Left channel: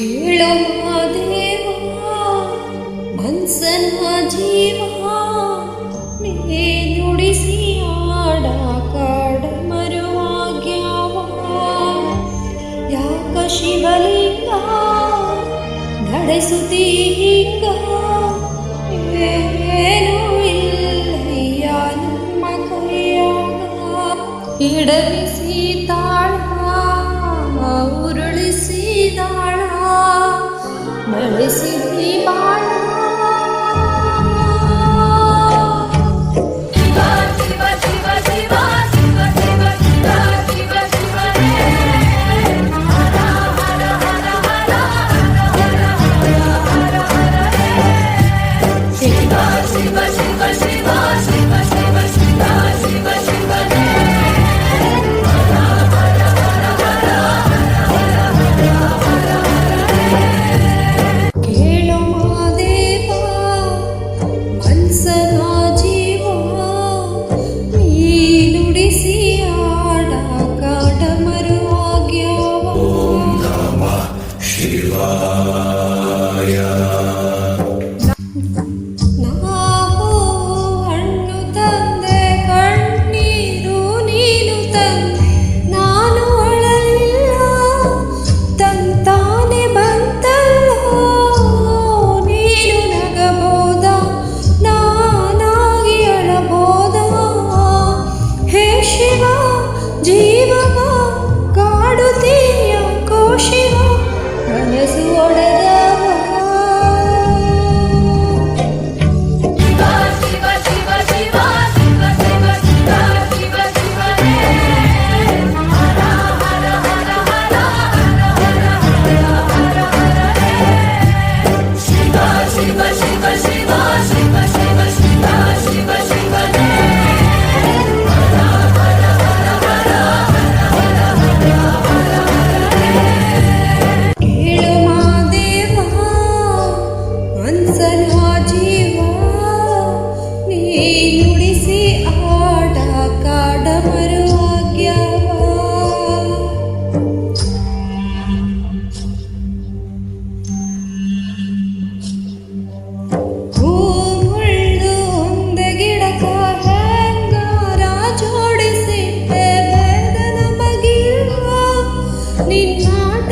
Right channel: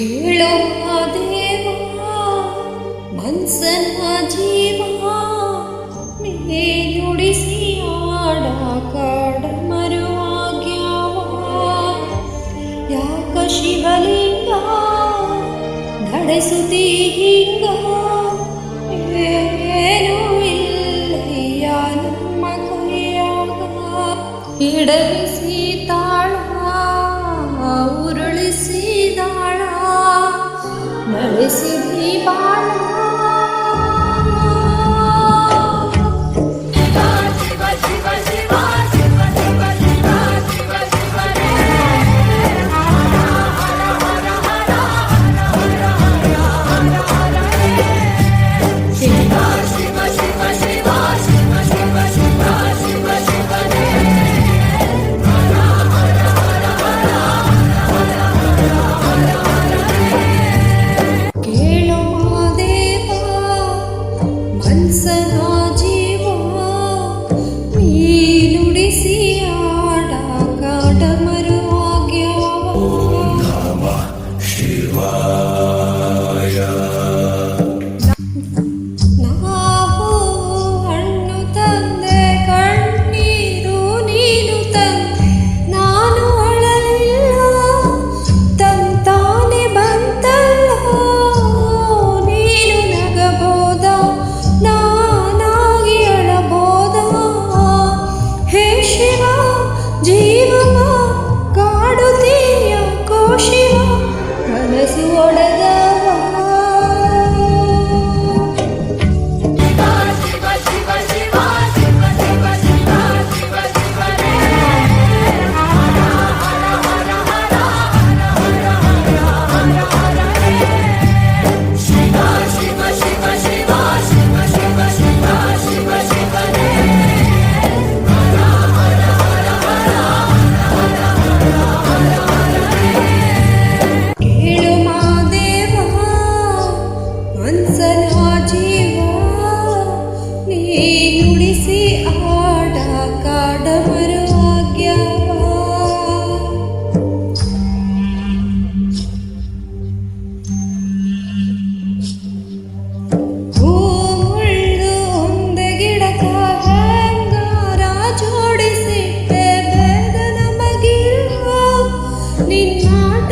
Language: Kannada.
ಕೇಳೋ ದೇವ ಮನ್ಸನ ಜೀವ ನೀ ನುಡಿಸಿ ಆಡ ಕಾಡ ಮರುವಾಗ್ಯಾವ ಯಾಕ ಶಿವಲಿಂಗ ನಡೆಸುತ್ತೀ ಹಿಂಗ ಏನೂ ಇಲ್ಲಯ್ಯ ನಮ್ಮ ಕೈಯಾಗ ಎಡವಿಸಿ ತಾಳ ಉರುಳಿಸಿದಾಳ ನಡೆಸಿದಿ ಬಾಳ ಕೇಳೋ ಮಾದೇವ ಮನ್ಸನ ಜೀವ ನೀ ನುಡಿಸಿ ಆಡ ಕಾಡ ಮರುವಾಗ್ಯಾವ ನಾವು ಹಣ್ಣು ತಂದೆ ಕಣ್ಣೀರು ನೀನು ತಂದೆ ನಾನು ಅಳಲಿಲ್ಲ ತಂತಾನೆ ಬಂತಲ್ಲ ನೀನು ನಗಬೋದ ನಾನಾಗಿ ಅಳಬೋದ ಹೇ ಶಿವ ಜೀವವ ಕಾಡುತ್ತೀಯ ಶಿವ ಕನಸು ಒಡೆದವ ಕೇಳು ಮಾದೇವ ಮನ್ಸನ ಜೀವ ನೀ ನುಡಿಸಿ ಆಡ ಕಾಡ ಮರುವಾಗ್ಯಾವ ಹೂ ಮುಳ್ಳು ಒಂದೆ ಗಿಡಕ ಹೆಂಗಾರ ಜೋಡಿಸಿಟ್ಟೆ ಬೇದ ನಮಗಿರುವ ನಿನ್ನಾಟ